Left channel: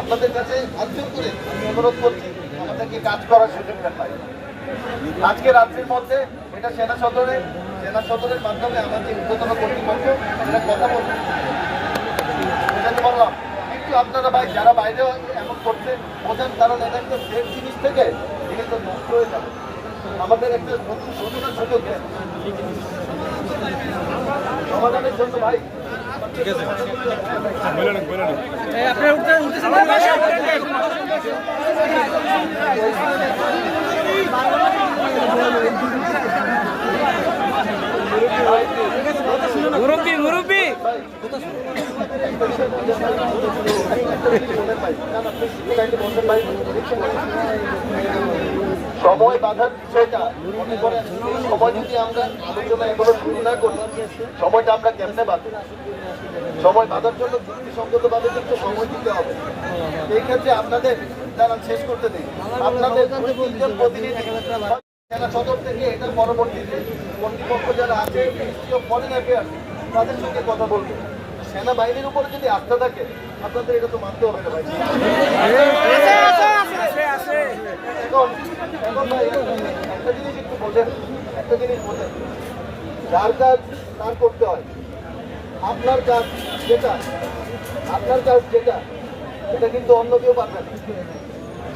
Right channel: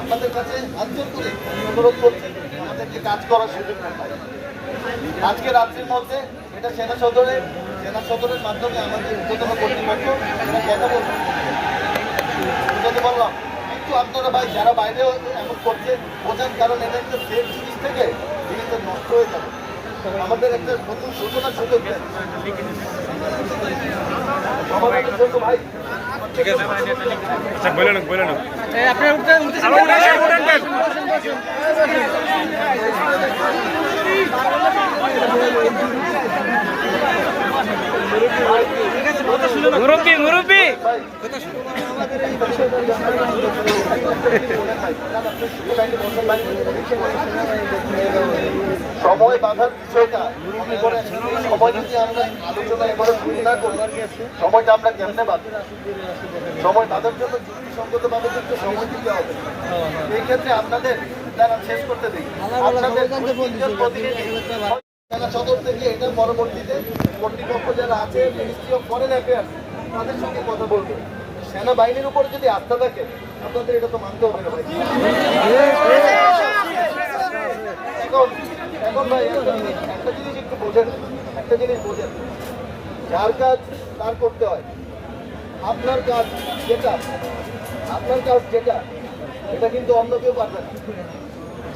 আপনাদের কাছে আঞ্চল করে আমি অনুরোধ করছি, আমাদেরকে কাজ করার সুযোগ দেন ভাই আজকে রাত্রির মধ্যে এটা সেনা সদরে, সেনা সদরের মাধ্যমে আমাদের ঊর্ধ্বতন কর্তৃপক্ষ এটা কথা বলবে। বুঝাতে পারলাম? কিন্তু আপনারা ভাই, যারা বাইরে এমন করছে, বোঝান, কারণ এটা একটা সেফ জিনিস থেকে জিনিসটা নষ্ট হয়ে যাবে। আমাদের একটা নতুন সূচনা সুযোগ দেন। সমাধানের জন্য ভাই আচ্ছা বলে লোক বলে লোক মুরব্বী মুরব্বী। সময় মনে করেন সময় যদি আমরা আলোচনা এখনও শুরু না করি সময়টা আমরা কেমনে বাঁধব? সময় বাঁধার জন্য যুক্তিসঙ্গত ভাবে কিন্তু সময় দিতে হবে। এই ক্ষেত্রে আপনাদের তারা শেষ করতে দিই। আপনাদের সেনা সদর থেকে এটার পরবর্তীতে কর্তৃপক্ষ যারা আছে মিনিস্ট্রি অফ ফরেন অ্যাফেয়ার্স তাদের সঙ্গে কথা বলব। সেনাবাহিনীর উপরে যদি আস্থা থাকে আপনাদের এটা তো মানতে হবে না ভাই। এখন একটা- একটা জিনিস একটু বোঝেন একটা জিনিস বোঝেন। যার কাজ তার করতে হয়। আপনার কাজ যেটা আপনার কাজ যেটা এটা কিন্তু অন্য কেউ পারবে না।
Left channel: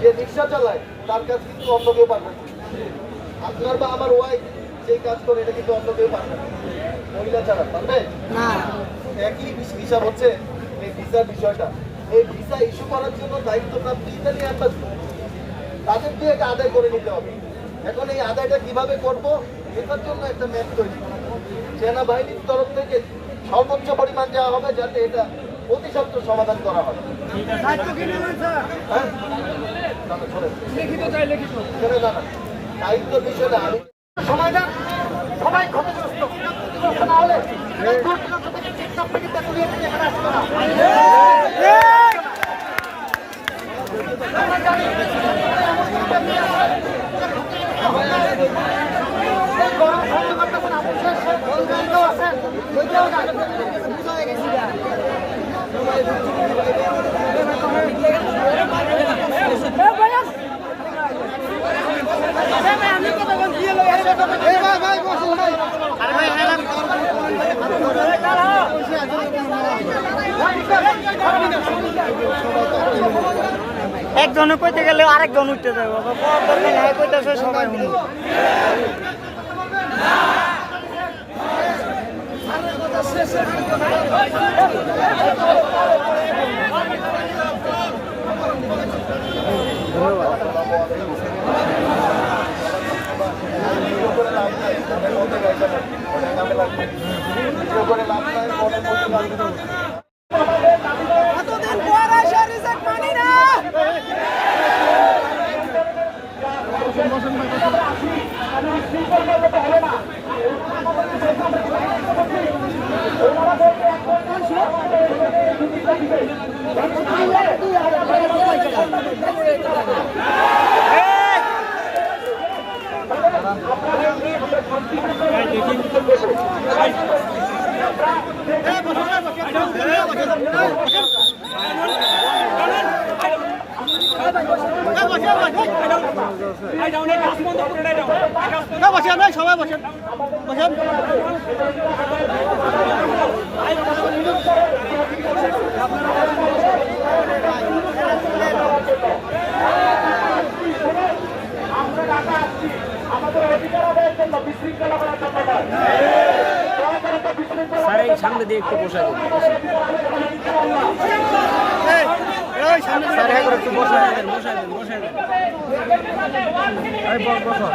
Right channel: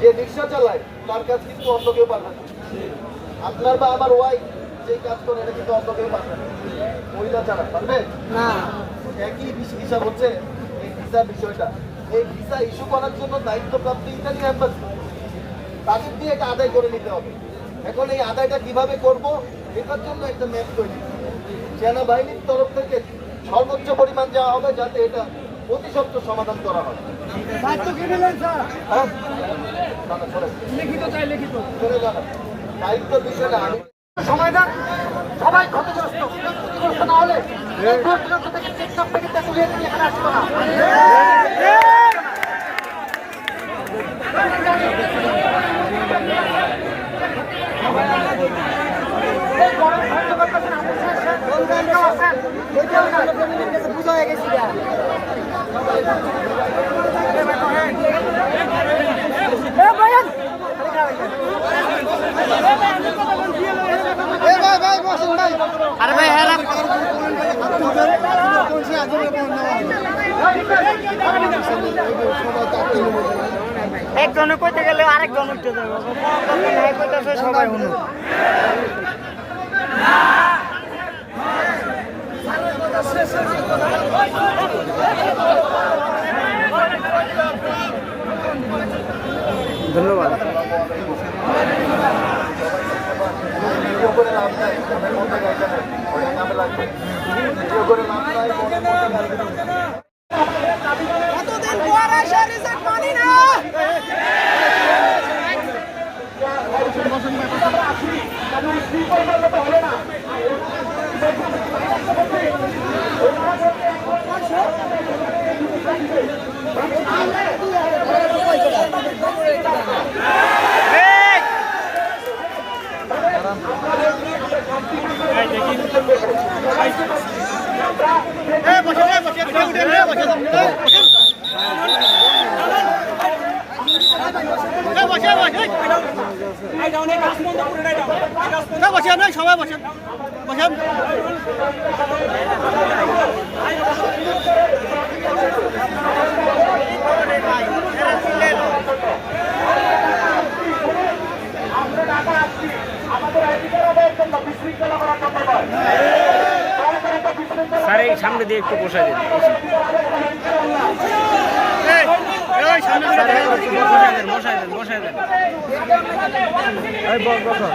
যে রিক্সা চালায় তার কাজ কিন্তু অন্য কেউ পারবে না। আপনার বা আমার ওয়াইফ যে কাজ করে এটা কিন্তু অন্য কেউ পারবে না। মহিলা ছাড়া পারবে? একই হিস- হিসাব হচ্ছে এই ভিসার বিষয়টা। এই ভিসা ইস্যু করার জন্য দায়িত্বপ্রাপ্ত ইতালি অ্যাম্বাসি তাদের দিয়ে এটা আদায় করে নিতে হবে। এখন এই আদায়টা কীভাবে করব এটার জন্য একটা ম্যাপ তৈরি। সেনাবাহিনীর তরফ থেকে সর্বোচ্চ পরিমাণ দেওয়া হবে যাতে এটা অতি সত্ত্বর সমাধান করা হয়। হ্যাঁ? না, না। দায়িত্বের বিষয়টা আমি সময় সবাই ক্ষতিগ্রস্ত। ক্ষতিগ্রস্ত না হলে থেকে টিকটক থেকে তেতুলিয়া থেকে এখানে আসতো না। একজনে কইতে গেলে আরেকজন উঠতে যাবে। কইতেছে সবাই শুনুন ভিডিও করে লাভ নাই মনের মধ্যে গাইতে অনেক নামে লাগবে ভিডিও করে লাভ নাই মনের মধ্যে গাইতে নাই সবাই বসেন বসেন সামনে দিয়ে একটু বসাই দিন। স্যার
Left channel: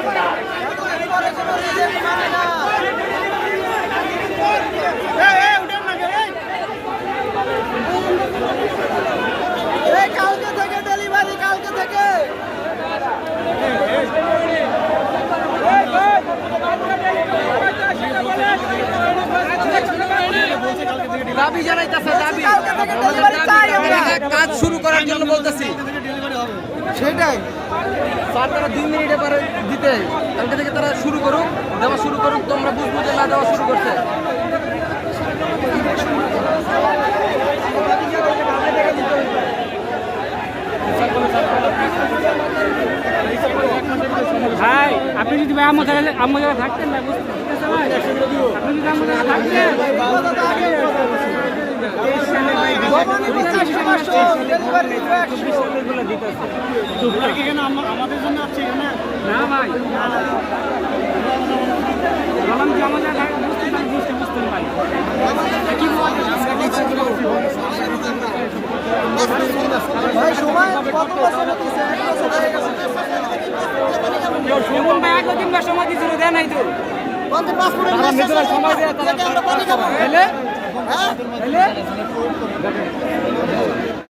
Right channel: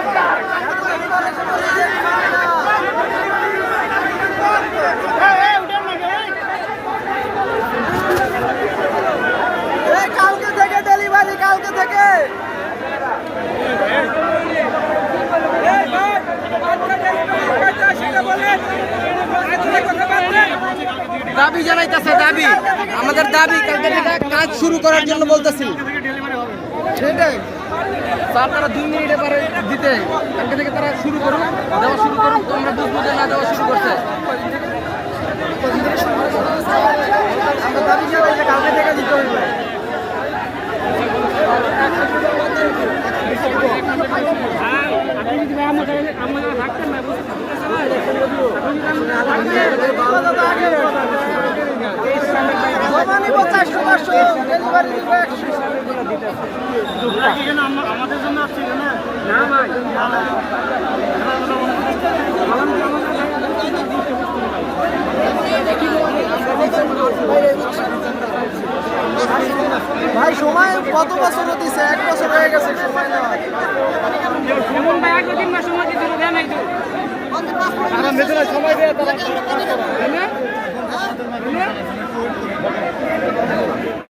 জানাইতেছে দাবি। আমাদের দাবি কাজ শুরু করার জন্য বলতেছি। সেটাই। তারা দুই মিনিট পারে দিতে কালকে থেকে তারা শুরু করুক দেওয়া শুরু করুক তোমরা বুঝ বুঝে না দেওয়া শুরু করছে। আমাদের জন্য আসছিল না ভাই বললাম বুঝতে ভাই সময় কত বছর দিছে এক বছর হয়ে গেছে এমন ভাই এক দিন বা সময় কিছু দেয় নাই তো সময় দিয়ে আমাদের মাধ্যমে